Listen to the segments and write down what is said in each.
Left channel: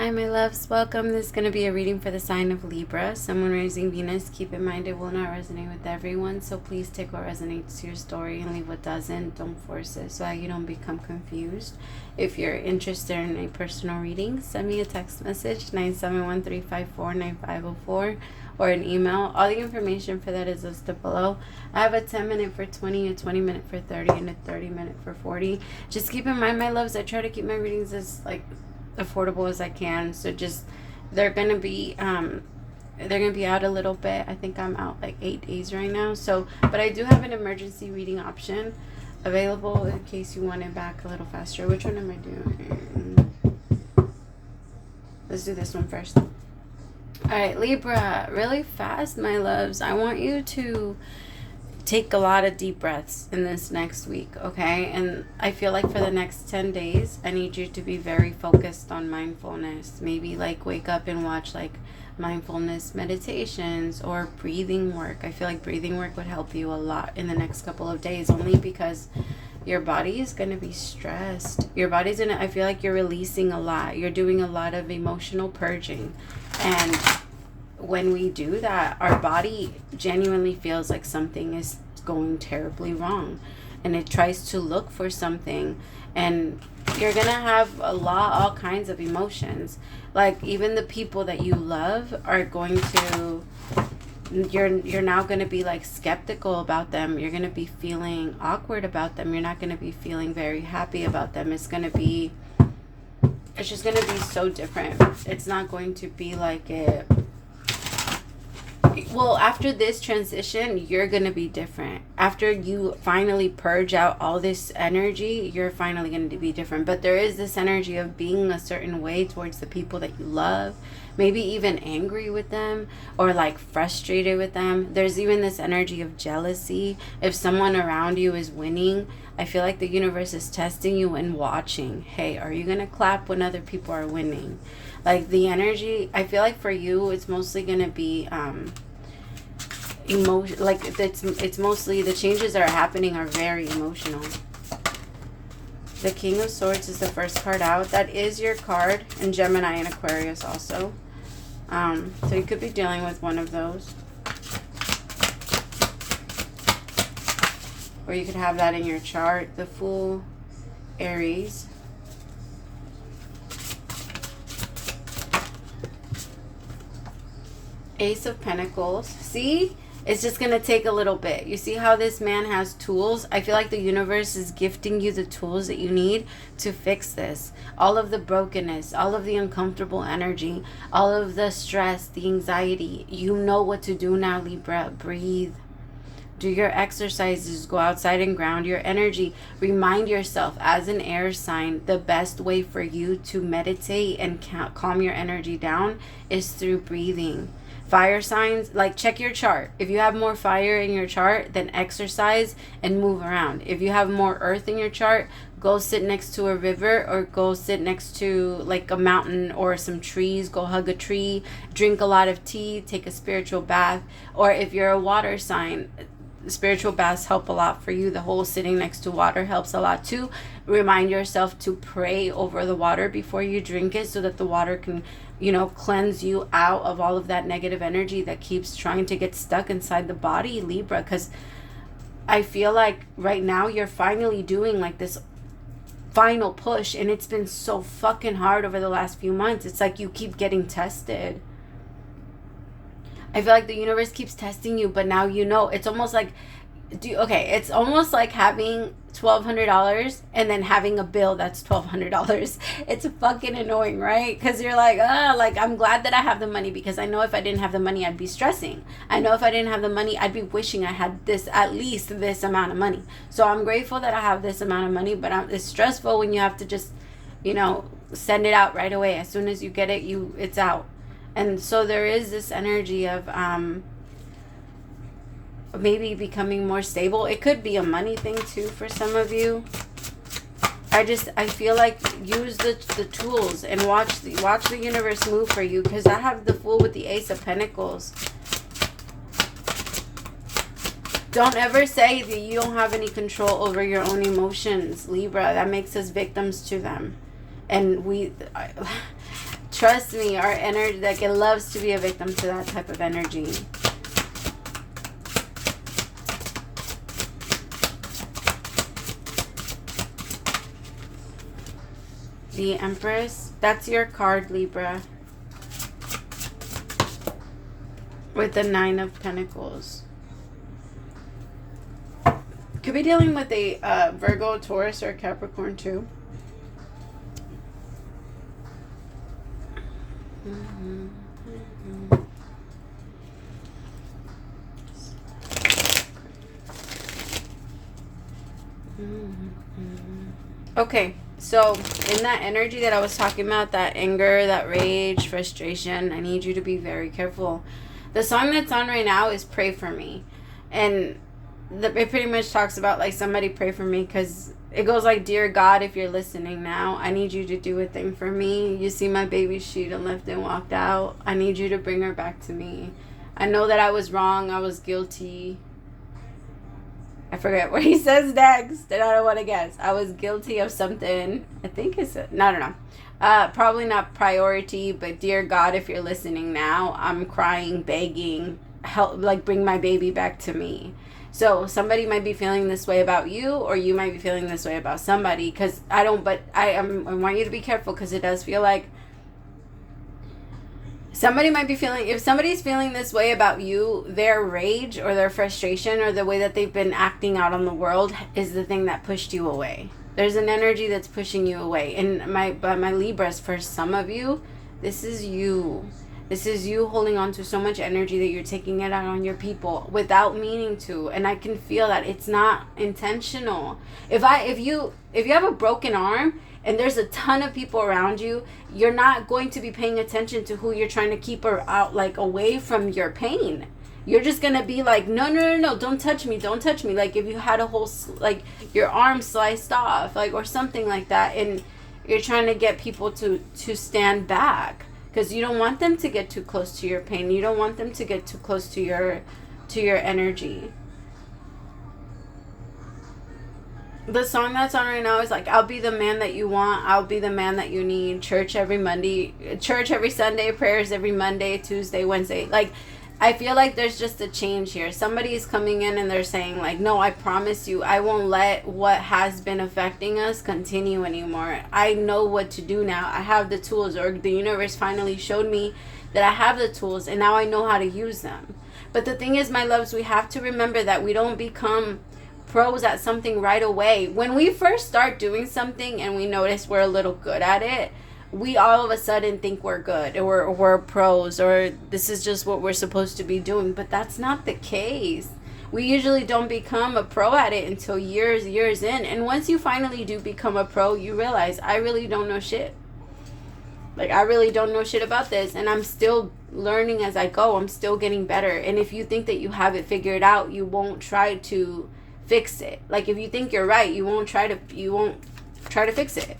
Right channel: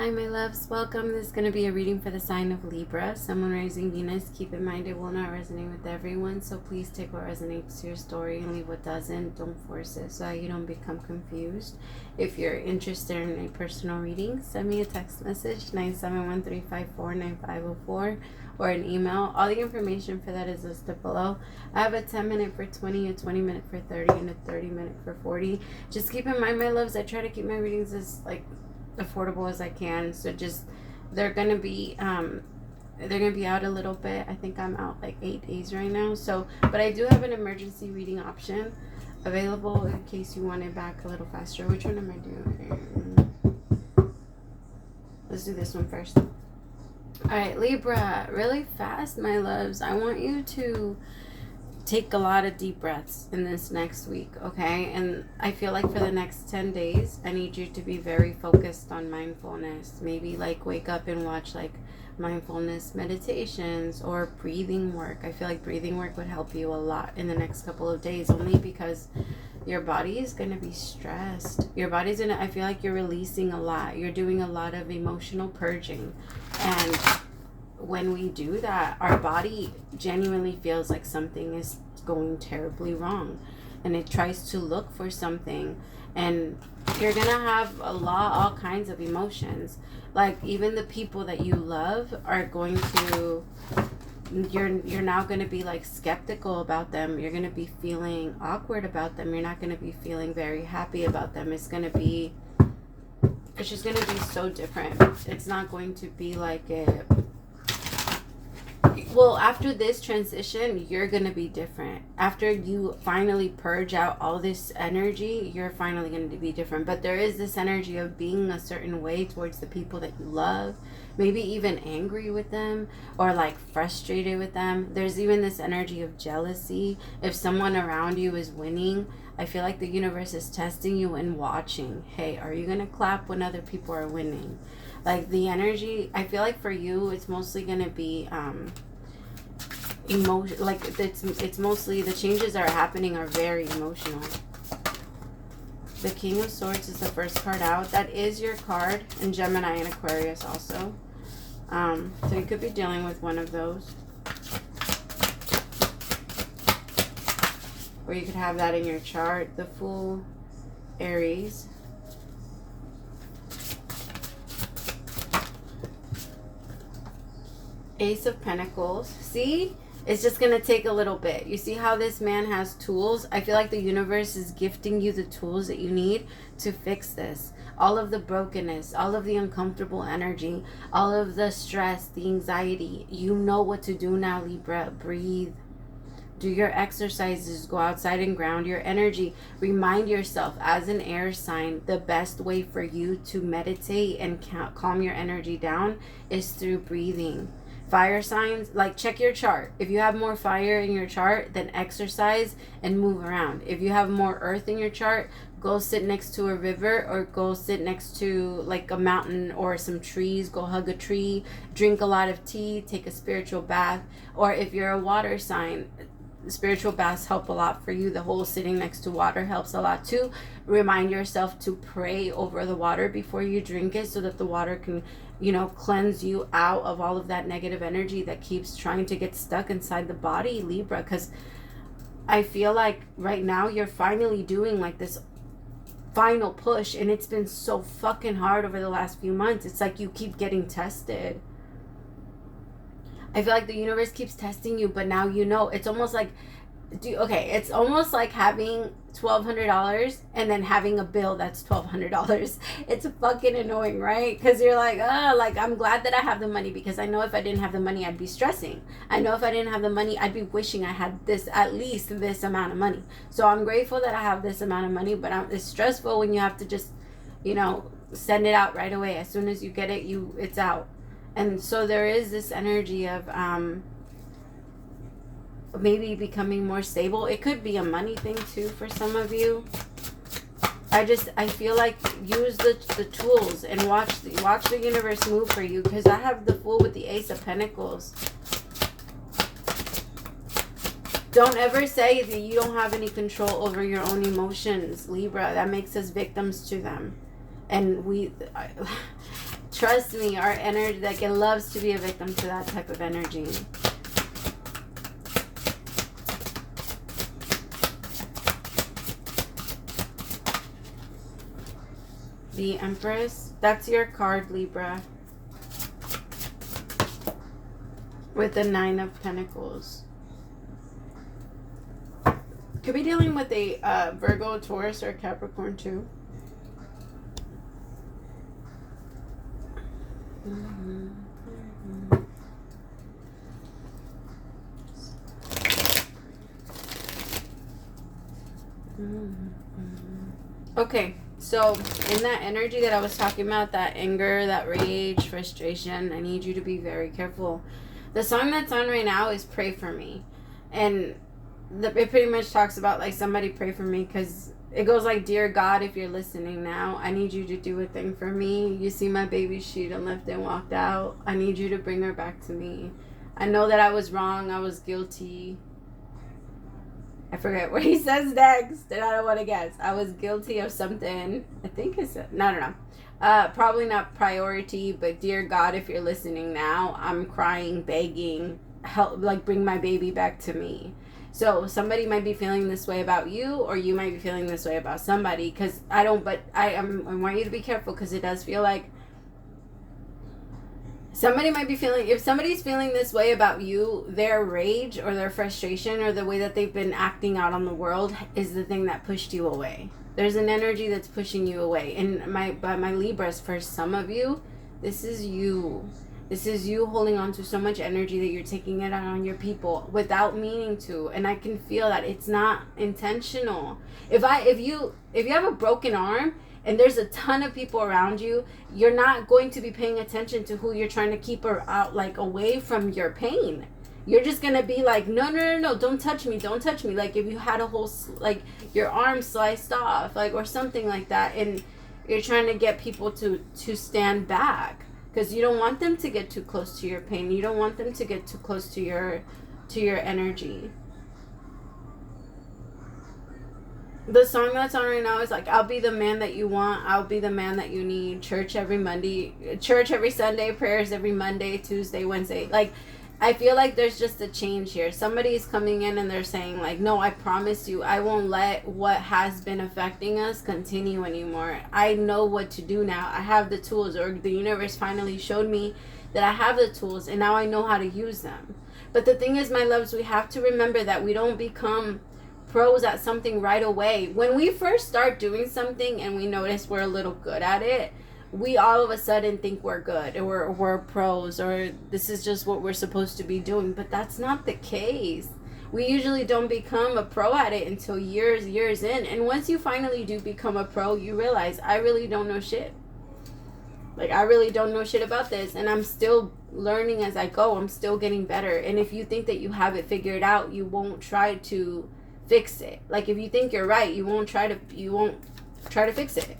Hi, my loves. Welcome. This is going to be a reading for the sign of Libra. Someone raising Venus. Keep in mind it will not resonate with everyone, so please take what resonates to your story and leave what doesn't. Don't force it so that you don't become confused. If you're interested in a personal reading, send me a text message, 971-354-9504, or an email. All the information for that is listed below. I have a 10-minute for 20, a 20-minute for 30, and a 30-minute for 40. Just keep in mind, my loves, I try to keep my readings as, affordable as I can, so just they're gonna be out a little bit. I think I'm out 8 days right now, so but I do have an emergency reading option available in case you want it back a little faster. Which one am I doing? Let's do this one first. All right, Libra, really fast, my loves. I want you to take a lot of deep breaths in this next week, okay? And I feel like for the next 10 days, I need you to be very focused on mindfulness. Maybe wake up and watch mindfulness meditations or breathing work. I feel like breathing work would help you a lot in the next couple of days, only because your body is going to be stressed. I feel like you're releasing a lot. You're doing a lot of emotional purging. And when we do that, our body genuinely feels like something is going terribly wrong, and it tries to look for something, and you're gonna have all kinds of emotions. Even the people that you love are going to, you're now going to be skeptical about them. You're going to be feeling awkward about them. You're not going to be feeling very happy about them. It's just going to be so different. It's not going to be well, after this transition, you're going to be different. After you finally purge out all this energy, you're finally going to be different. But there is this energy of being a certain way towards the people that you love. Maybe even angry with them or frustrated with them. There's even this energy of jealousy. If someone around you is winning, I feel like the universe is testing you and watching. Hey, are you going to clap when other people are winning? The energy, I feel like for you, it's mostly going to be emotion. It's mostly the changes that are happening are very emotional. The King of Swords is the first card out. That is your card, and Gemini and Aquarius also. So you could be dealing with one of those, or you could have that in your chart. The Fool, Aries. Ace of Pentacles. See? It's just going to take a little bit. You see how this man has tools? I feel like the universe is gifting you the tools that you need to fix this. All of the brokenness, all of the uncomfortable energy, all of the stress, the anxiety. You know what to do now, Libra. Breathe. Do your exercises. Go outside and ground your energy. Remind yourself, as an air sign, the best way for you to meditate and calm your energy down is through breathing. Fire signs, check your chart. If you have more fire in your chart, then exercise and move around. If you have more earth in your chart, go sit next to a river, or go sit next to a mountain or some trees. Go hug a tree, drink a lot of tea, take a spiritual bath. Or if you're a water sign, spiritual baths help a lot for you. The whole sitting next to water helps a lot too. Remind yourself to pray over the water before you drink it, so that the water can cleanse you out of all of that negative energy that keeps trying to get stuck inside the body, Libra. Because I feel like right now you're finally doing this final push, and it's been so fucking hard over the last few months. It's you keep getting tested. I feel like the universe keeps testing you, but now it's almost it's almost like having $1,200 and then having a bill that's $1,200. It's fucking annoying, right? Because you're I'm glad that I have the money, because I know if I didn't have the money, I'd be stressing. I know if I didn't have the money, I'd be wishing I had at least this amount of money. So I'm grateful that I have this amount of money, but it's stressful when you have to just, send it out right away. As soon as you get it, it's out. And so there is this energy of maybe becoming more stable. It could be a money thing too for some of you. I feel like use the tools and watch the universe move for you, because I have the Fool with the Ace of Pentacles. Don't ever say that you don't have any control over your own emotions, Libra. That makes us victims to them. And Trust me, our energy, like, it loves to be a victim to that type of energy. The Empress, that's your card, Libra. With the 9 of Pentacles. Could be dealing with a Virgo, Taurus, or Capricorn too. Okay, so in that energy that I was talking about, that anger, that rage, frustration, I need you to be very careful. The song that's on right now is Pray For Me. And it pretty much talks about, like, somebody pray for me, because it goes like, dear God, if you're listening now, I need you to do a thing for me. You see my baby, she done left and walked out. I need you to bring her back to me. I know that I was wrong. I was guilty. I forget what he says next, and I don't want to guess. I was guilty of something. I think it's, I don't know. Probably not priority, but dear God, if you're listening now, I'm crying, begging, help, like, bring my baby back to me. So somebody might be feeling this way about you, or you might be feeling this way about somebody, because I want you to be careful, because it does feel like somebody might be feeling, if somebody's feeling this way about you, their rage or their frustration or the way that they've been acting out on the world is the thing that pushed you away. There's an energy that's pushing you away. And my Libras, for some of you, this is you. This is you holding on to so much energy that you're taking it out on your people without meaning to. And I can feel that it's not intentional. If you have a broken arm and there's a ton of people around you, you're not going to be paying attention to who you're trying to keep her out, like, away from your pain. You're just going to be like, no, don't touch me. Like, if you had a whole, like, your arm sliced off, like, or something like that, and you're trying to get people to stand back. Because you don't want them to get too close to your pain. You don't want them to get too close to your energy. The song that's on right now is like, I'll be the man that you want. I'll be the man that you need. Church every Sunday. Prayers every Monday, Tuesday, Wednesday. Like, I feel like there's just a change here. Somebody is coming in and they're saying, like, no, I promise you, I won't let what has been affecting us continue anymore. I know what to do now. I have the tools, or the universe finally showed me that I have the tools, and now I know how to use them. But the thing is, my loves, we have to remember that we don't become pros at something right away. When we first start doing something and we notice we're a little good at it, we all of a sudden think we're good, or we're pros, or this is just what we're supposed to be doing. But that's not the case. We usually don't become a pro at it until years in. And once you finally do become a pro, you realize, I really don't know shit. Like, I really don't know shit about this, and I'm still learning as I go. I'm still getting better. And if you think that you have it figured out, you won't try to fix it. Like, if you think you're right, you won't try to fix it.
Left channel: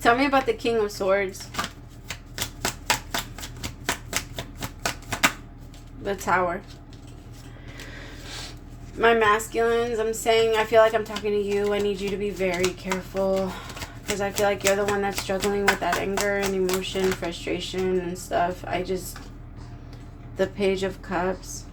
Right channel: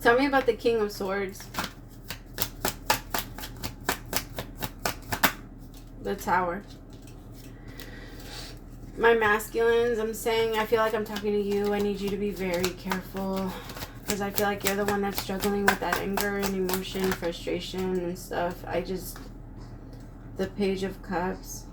Tell me about the King of Swords. The Tower. My masculines, I'm saying, I feel like I'm talking to you. I need you to be very careful, because I feel like you're the one that's struggling with that anger and emotion, frustration and stuff. The Page of Cups.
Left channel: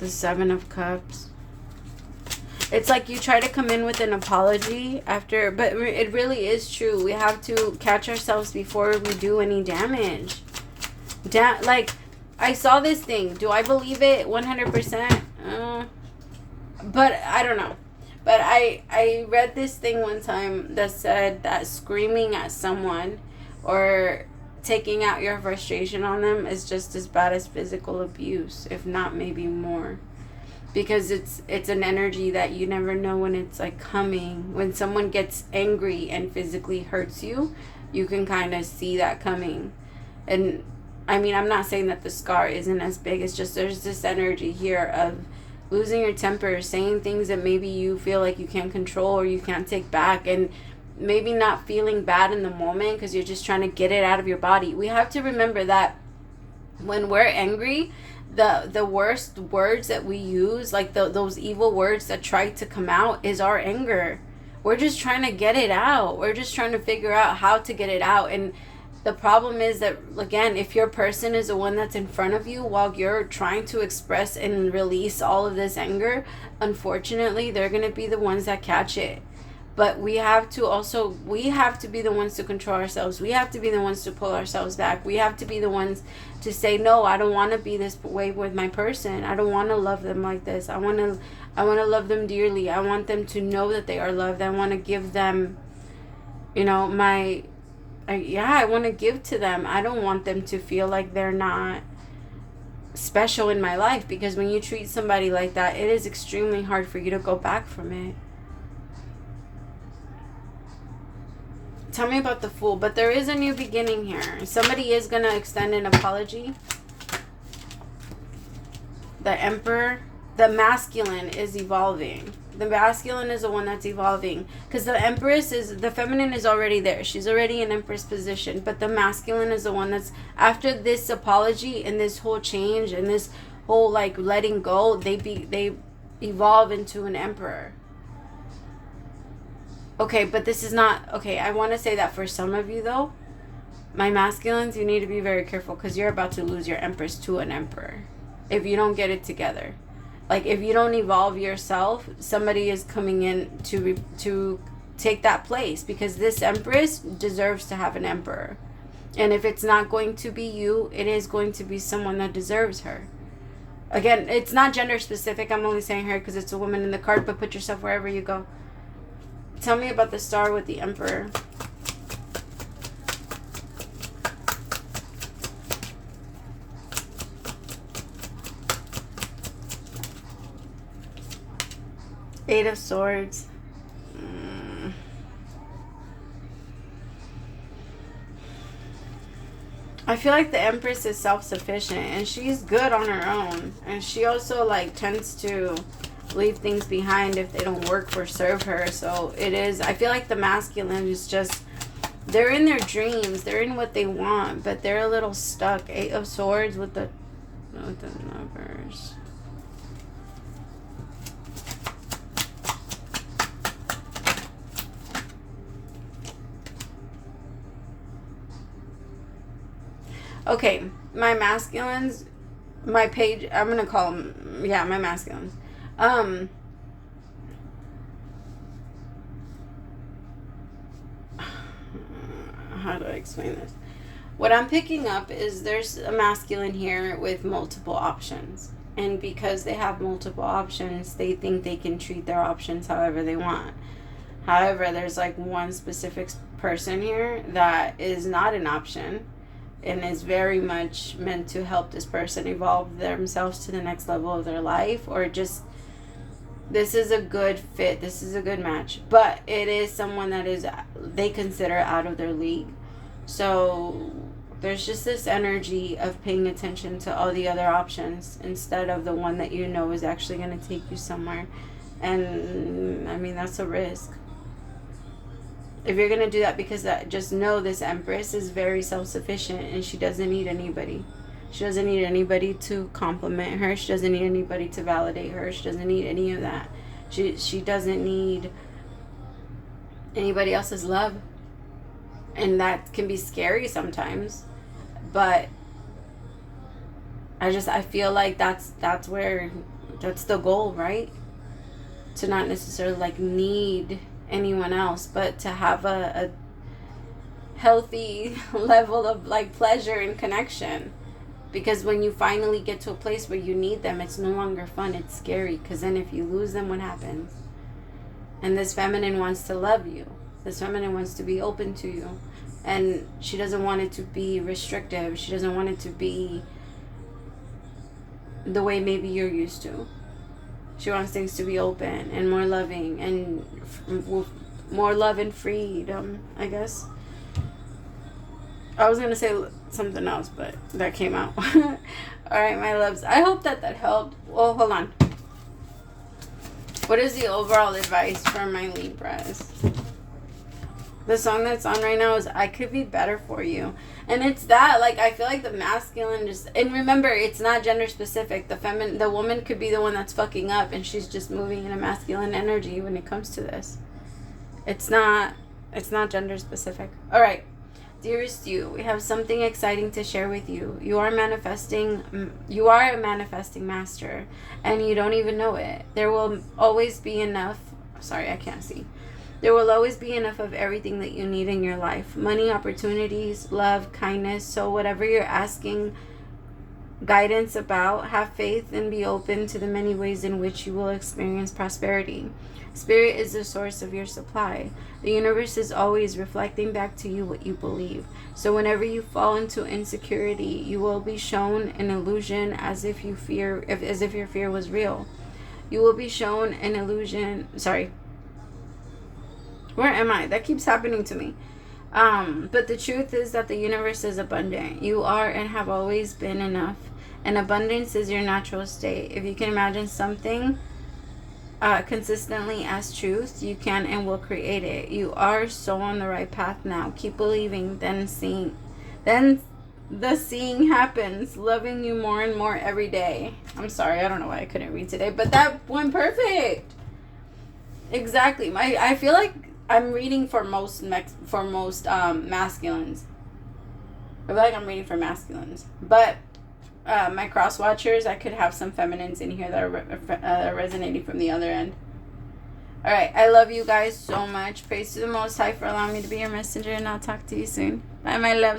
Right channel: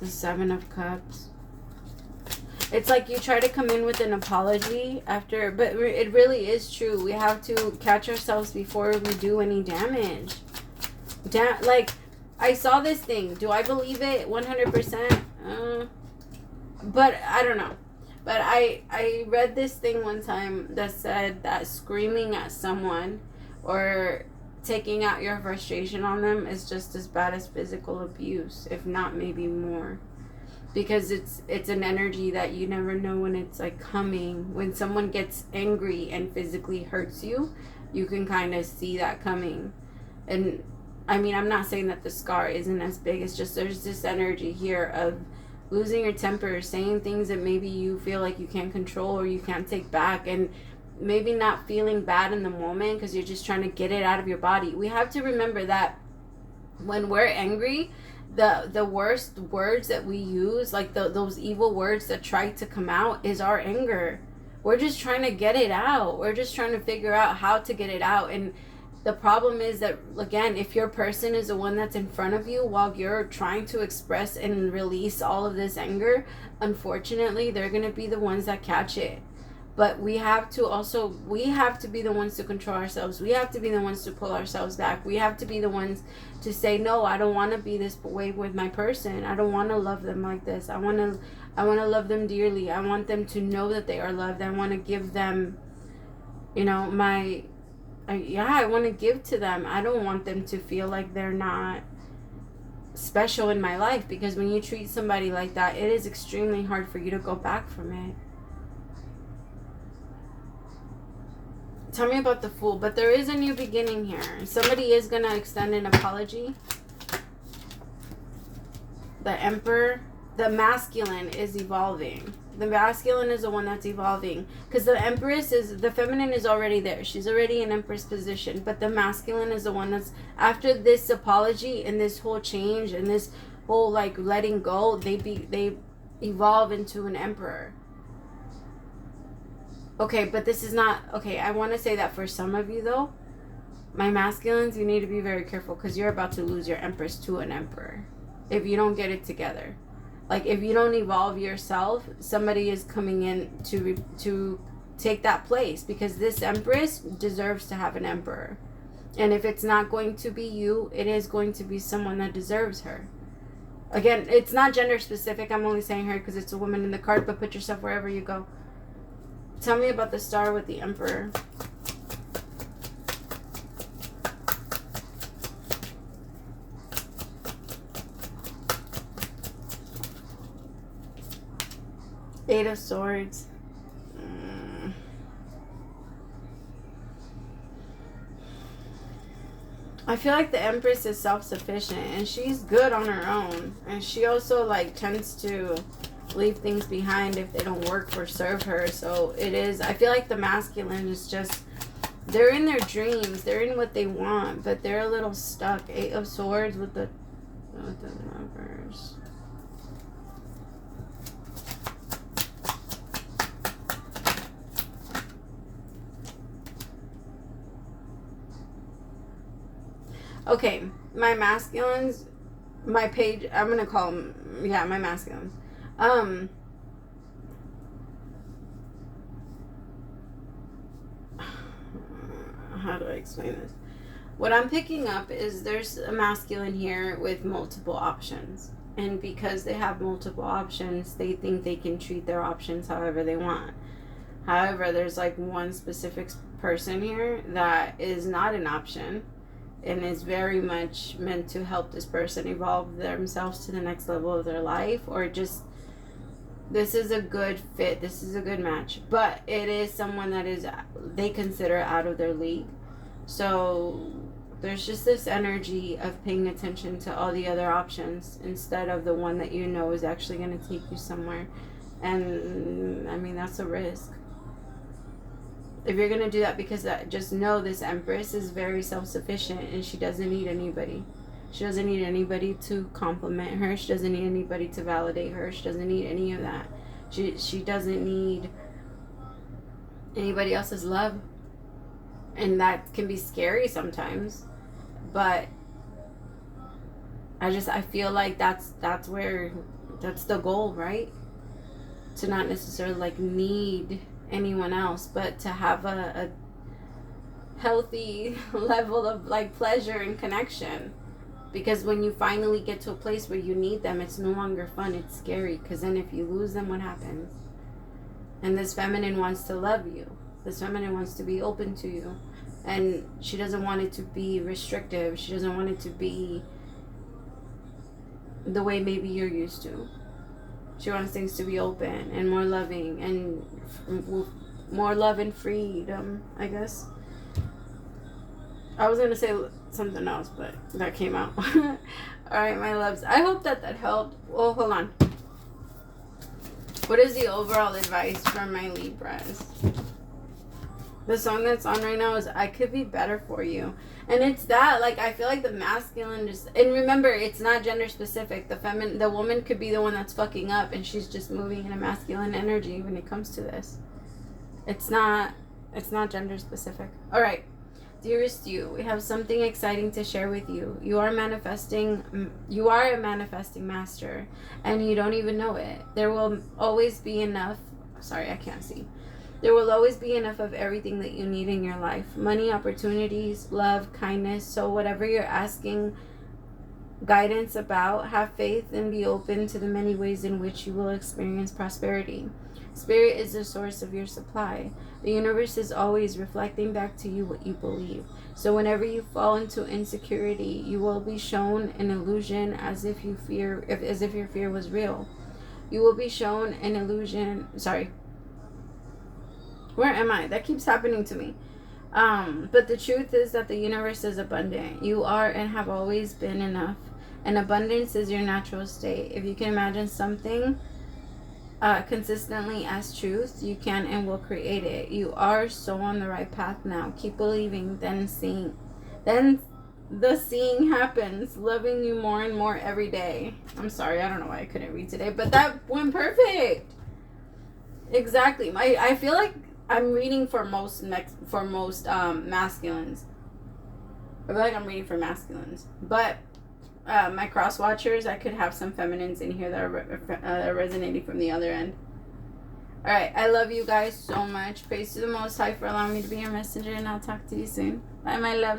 The Seven of Cups. It's like you try to come in with an apology after, but it really is true. We have to catch ourselves before we do any damage. Like, I saw this thing. Do I believe it 100%? But I don't know. But I read this thing one time that said that screaming at someone or taking out your frustration on them is just as bad as physical abuse, if not maybe more. Because it's an energy that you never know when it's, like, coming. When someone gets angry and physically hurts you, you can kind of see that coming. And I mean, I'm not saying that the scar isn't as big. It's just there's this energy here of losing your temper, saying things that maybe you feel like you can't control or you can't take back, and maybe not feeling bad in the moment because you're just trying to get it out of your body. We have to remember that when we're angry, the worst words that we use, like those evil words that try to come out, is our anger. We're just trying to get it out. We're just trying to figure out how to get it out. And the problem is that, again, if your person is the one that's in front of you while you're trying to express and release all of this anger, unfortunately, they're going to be the ones that catch it. But we have to be the ones to control ourselves. We have to be the ones to pull ourselves back. We have to be the ones to say, no, I don't want to be this way with my person. I don't want to love them like this. I want to love them dearly. I want them to know that they are loved. I want to give them, you know, I want to give to them. I don't want them to feel like they're not special in my life, because when you treat somebody like that, it is extremely hard for you to go back from it. Tell me about the Fool. But there is a new beginning here. Somebody is going to extend an apology. The Emperor. The masculine is evolving. The masculine is the one that's evolving. Because the Empress is, the feminine is already there. She's already in Empress position. But the masculine is the one that's, after this apology and this whole change and this whole like letting go, they evolve into an Emperor. Okay, but this is not, okay, I want to say that for some of you though, my masculines, you need to be very careful, because you're about to lose your Empress to an Emperor if you don't get it together. Like, if you don't evolve yourself, somebody is coming in to take that place, because this Empress deserves to have an Emperor. And if it's not going to be you, it is going to be someone that deserves her. Again, it's not gender specific. I'm only saying her because it's a woman in the card, but put yourself wherever you go. Tell me about the Star with the Emperor. Eight of Swords. I feel like the Empress is self-sufficient and she's good on her own. And she also like tends to leave things behind if they don't work or serve her. So it is, I feel like the masculine is just, they're in their dreams, they're in what they want, but they're a little stuck. Eight of Swords with the Lovers. Okay, my masculines, my page, I'm going to call them, yeah, my masculines. How do I explain this? What I'm picking up is there's a masculine here with multiple options. And because they have multiple options, they think they can treat their options however they want. However, there's like one specific person here that is not an option and is very much meant to help this person evolve themselves to the next level of their life, or just, this is a good fit, this is a good match, but it is someone that is, they consider out of their league. So there's just this energy of paying attention to all the other options instead of the one that you know is actually going to take you somewhere. And I mean, that's a risk. If you're going to do that, because just know this Empress is very self-sufficient and she doesn't need anybody. She doesn't need anybody to compliment her. She doesn't need anybody to validate her. She doesn't need any of that. She doesn't need anybody else's love. And that can be scary sometimes. But I feel like that's the goal, right? To not necessarily like need anyone else, but to have a healthy level of like pleasure and connection. Because when you finally get to a place where you need them, it's no longer fun, it's scary. Because then if you lose them, what happens? And this feminine wants to love you. This feminine wants to be open to you. And she doesn't want it to be restrictive. She doesn't want it to be the way maybe you're used to. She wants things to be open and more loving and more love and freedom, I guess. I was going to say something else, but that came out. All right, my loves. I hope that helped. Well, hold on. What is the overall advice for my Libras? The song that's on right now is I Could Be Better For You. And it's that, like, I feel like the masculine just, and remember, it's not gender specific. The woman could be the one that's fucking up and she's just moving in a masculine energy when it comes to this. It's not gender specific. All right. Dearest you, we have something exciting to share with you. You are a manifesting master, and you don't even know it. There will always be enough. Sorry, I can't see. There will always be enough of everything that you need in your life. Money, opportunities, love, kindness. So whatever you're asking guidance about, have faith and be open to the many ways in which you will experience prosperity. Spirit is the source of your supply. The universe is always reflecting back to you what you believe. So whenever you fall into insecurity, you will be shown an illusion as if your fear was real. You will be shown an illusion. Sorry. Where am I? That keeps happening to me. But the truth is that the universe is abundant. You are and have always been enough. And abundance is your natural state. If you can imagine something consistently as truth, you can and will create it. You are so on the right path now. Keep believing, then the seeing happens. Loving you more and more every day. I'm sorry, I don't know why I couldn't read today, but that went perfect. Exactly. I feel like I'm reading for most masculines. I feel like I'm reading for masculines, but my cross watchers, I could have some feminines in here that are resonating from the other end. All right, I love you guys so much. Praise to the Most High for allowing me to be your messenger, and I'll talk to you soon. Bye, my loves.